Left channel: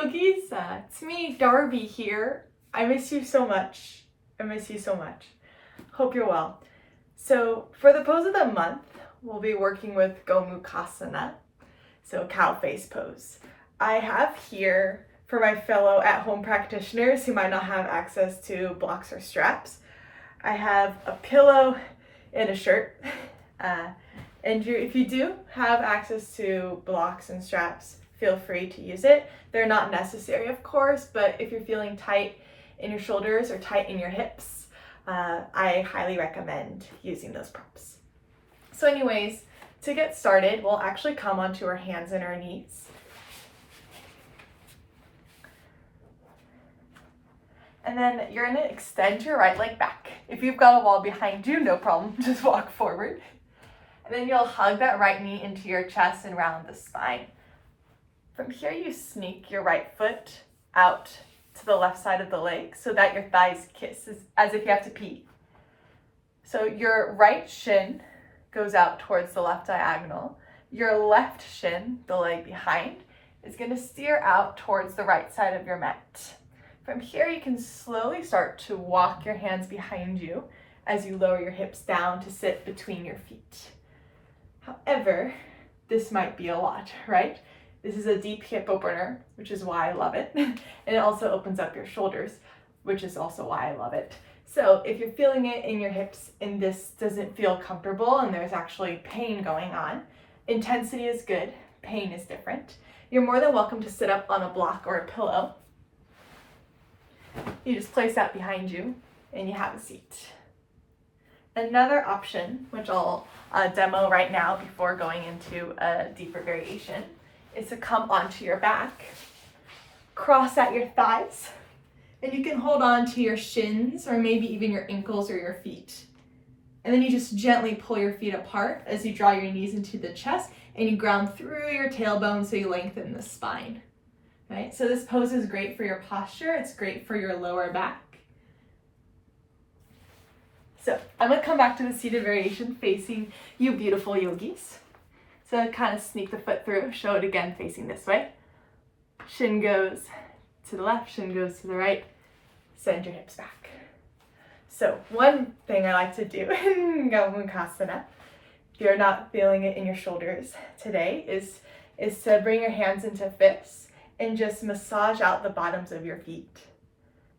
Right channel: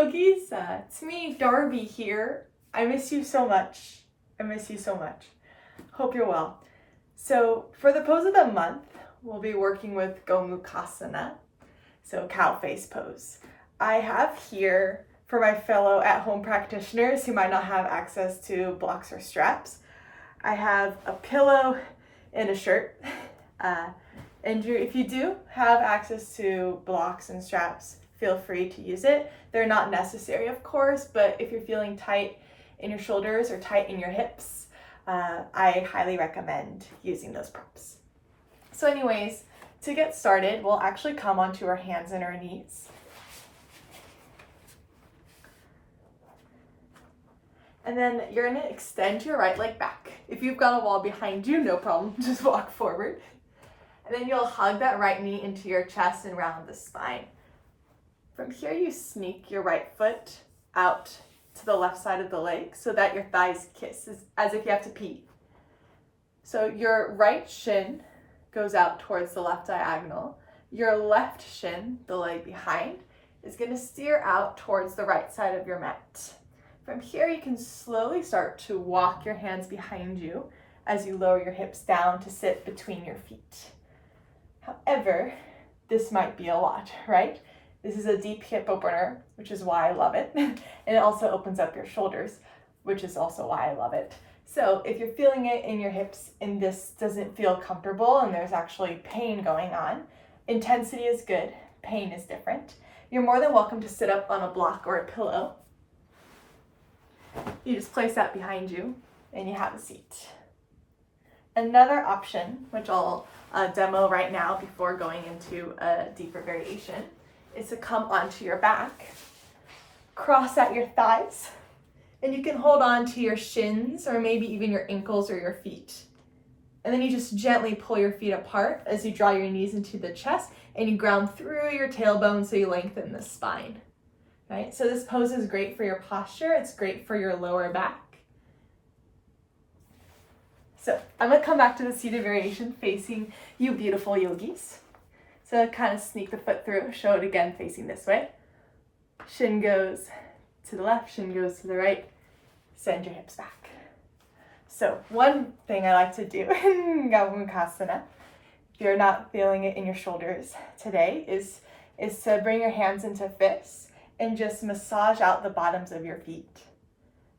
yogis, it's me, Darby here. I miss you so much. Hope you're well. So for the pose of the month, we'll be working with Gomukhasana, so cow face pose. I have here, for my fellow at-home practitioners who might not have access to blocks or straps, I have a pillow and a shirt. If you do have access to blocks and straps, feel free to use it. They're not necessary, of course, but if you're feeling tight in your shoulders or tight in your hips, I highly recommend using those props. So anyways, to get started, we'll actually come onto our hands and our knees. And then you're gonna extend your right leg back. If you've got a wall behind you, no problem, just walk forward. And then you'll hug that right knee into your chest and round the spine. From here, you sneak your right foot out to the left side of the leg so that your thighs kiss, as if you have to pee. So your right shin goes out towards the left diagonal. Your left shin, the leg behind, is going to steer out towards the right side of your mat. From here, you can slowly start to walk your hands behind you as you lower your hips down to sit between your feet. However, this might be a lot, right? This is a deep hip opener, which is why I love it. And it also opens up your shoulders, which is also why I love it. So if you're feeling it in your hips and this doesn't feel comfortable and there's actually pain going on, intensity is good, pain is different. You're more than welcome to sit up on a block or a pillow. You just place that behind you and you have a seat. Another option, which I'll demo right now before going into a deeper variation, is to come onto your back, cross at your thighs, and you can hold on to your shins or maybe even your ankles or your feet. And then you just gently pull your feet apart as you draw your knees into the chest and you ground through your tailbone so you lengthen the spine. Right? So this pose is great for your posture. It's great for your lower back. So I'm going to come back to the seated variation facing you beautiful yogis. So kind of sneak the foot through, show it again facing this way. Shin goes to the left, shin goes to the right. Send your hips back. So one thing I like to do in Gomukhasana, if you're not feeling it in your shoulders today, is to bring your hands into fists and just massage out the bottoms of your feet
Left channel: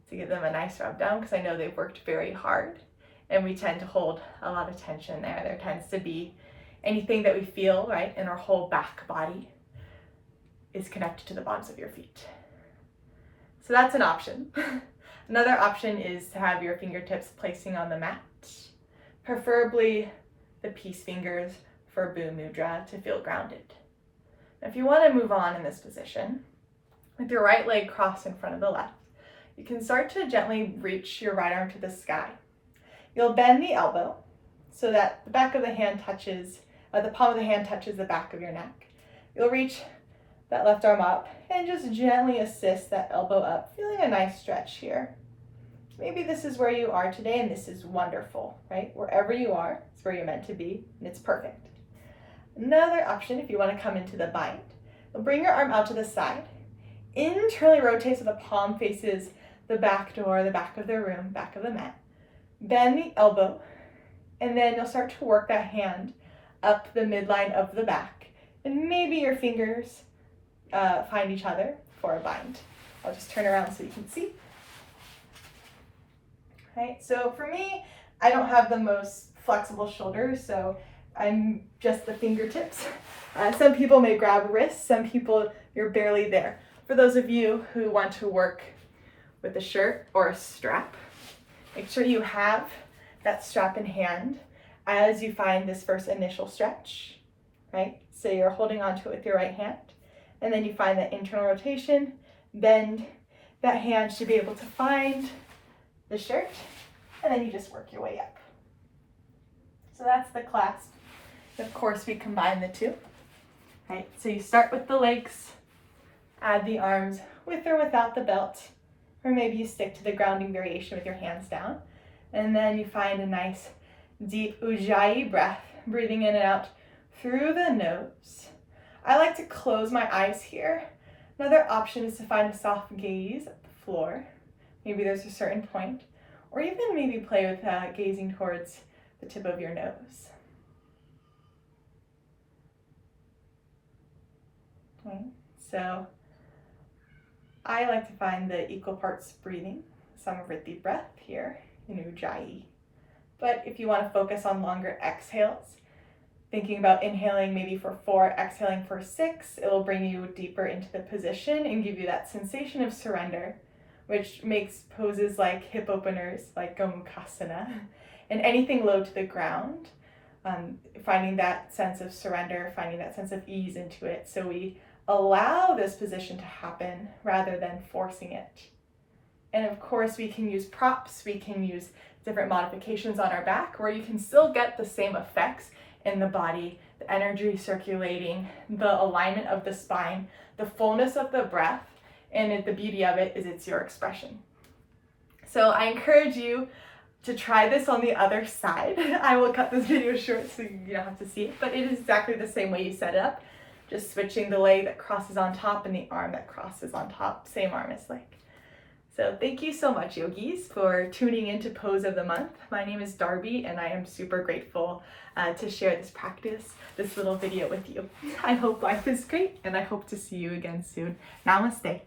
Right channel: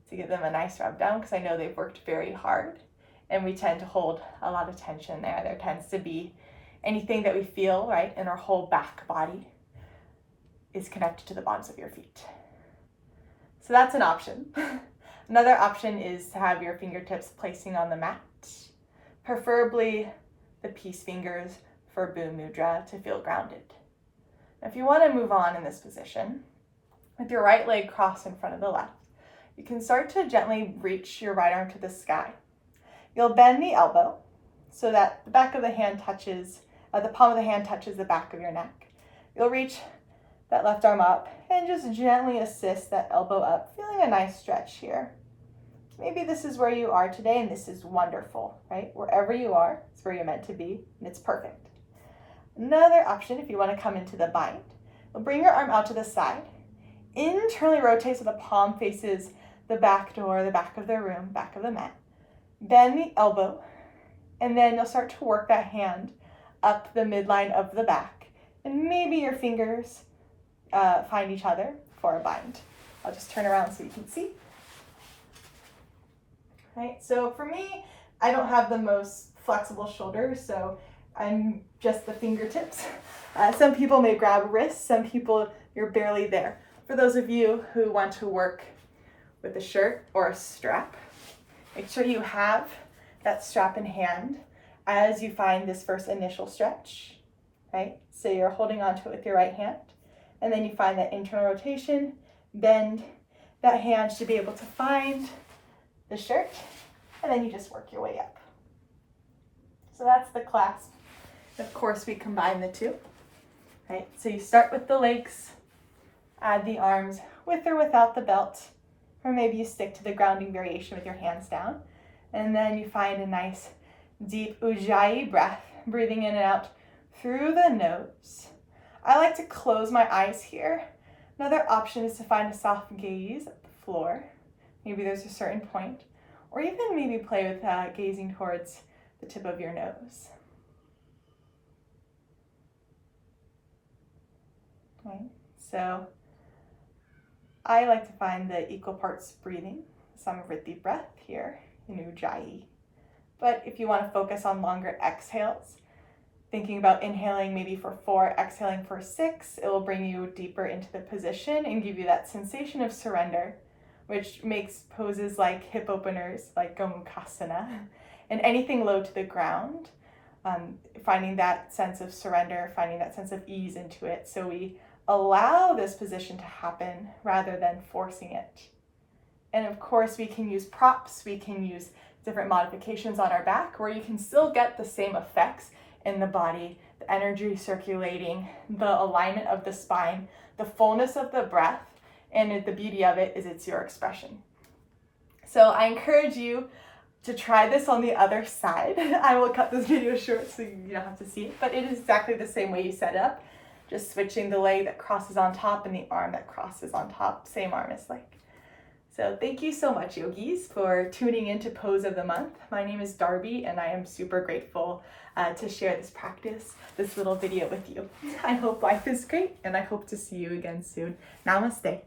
to give them a nice rub down, because I know they've worked very hard and we tend to hold a lot of tension there. There tends to be anything that we feel, right, in our whole back body is connected to the bottoms of your feet. So that's an option. Another option is to have your fingertips placing on the mat, preferably the peace fingers for Bhu Mudra to feel grounded. Now, if you want to move on in this position, with your right leg crossed in front of the left, you can start to gently reach your right arm to the sky. You'll bend the elbow so that the back of the hand touches, the palm of the hand touches the back of your neck. You'll reach that left arm up and just gently assist that elbow up, feeling a nice stretch here. Maybe this is where you are today and this is wonderful, right? Wherever you are, it's where you're meant to be and it's perfect. Another option, if you want to come into the bind, you'll bring your arm out to the side, internally rotate so the palm faces the back door, the back of the room, back of the mat. Bend the elbow, and then you'll start to work that hand up the midline of the back. And maybe your fingers find each other for a bind. I'll just turn around so you can see. Right, so for me, I don't have the most flexible shoulders, so I'm just the fingertips. Some people may grab wrists, some people you're barely there. For those of you who want to work with a shirt or a strap, make sure you have that strap in hand as you find this first initial stretch, right? So you're holding onto it with your right hand, and then you find that internal rotation, bend that hand should be able to find the shirt, and then you just work your way up. So that's the clasp. Of course, we combine the two, right? So you start with the legs, add the arms with or without the belt, or maybe you stick to the grounding variation with your hands down, and then you find a nice deep ujjayi breath, breathing in and out through the nose. I like to close my eyes here Another option is to find a soft gaze at the floor. Maybe there's a certain point, or even maybe play with gazing towards the tip of your nose. Okay. So I like to find the equal parts breathing, Samavritti breath here in Ujjayi. But if you want to focus on longer exhales, thinking about inhaling maybe for 4, exhaling for 6, it will bring you deeper into the position and give you that sensation of surrender, which makes poses like hip openers, like Gomukhasana, and anything low to the ground, finding that sense of surrender, finding that sense of ease into it. So we allow this position to happen rather than forcing it. And of course, we can use props, we can use different modifications on our back where you can still get the same effects in the body, the energy circulating, the alignment of the spine, the fullness of the breath, and the beauty of it is it's your expression. So I encourage you to try this on the other side. I will cut this video short so you don't have to see it, but it is exactly the same way you set it up. Just switching the leg that crosses on top and the arm that crosses on top, same arm as leg. So thank you so much, yogis, for tuning into Pose of the Month. My name is Darby, and I am super grateful to share this practice, this little video with you. I hope life is great, and I hope to see you again soon. Namaste.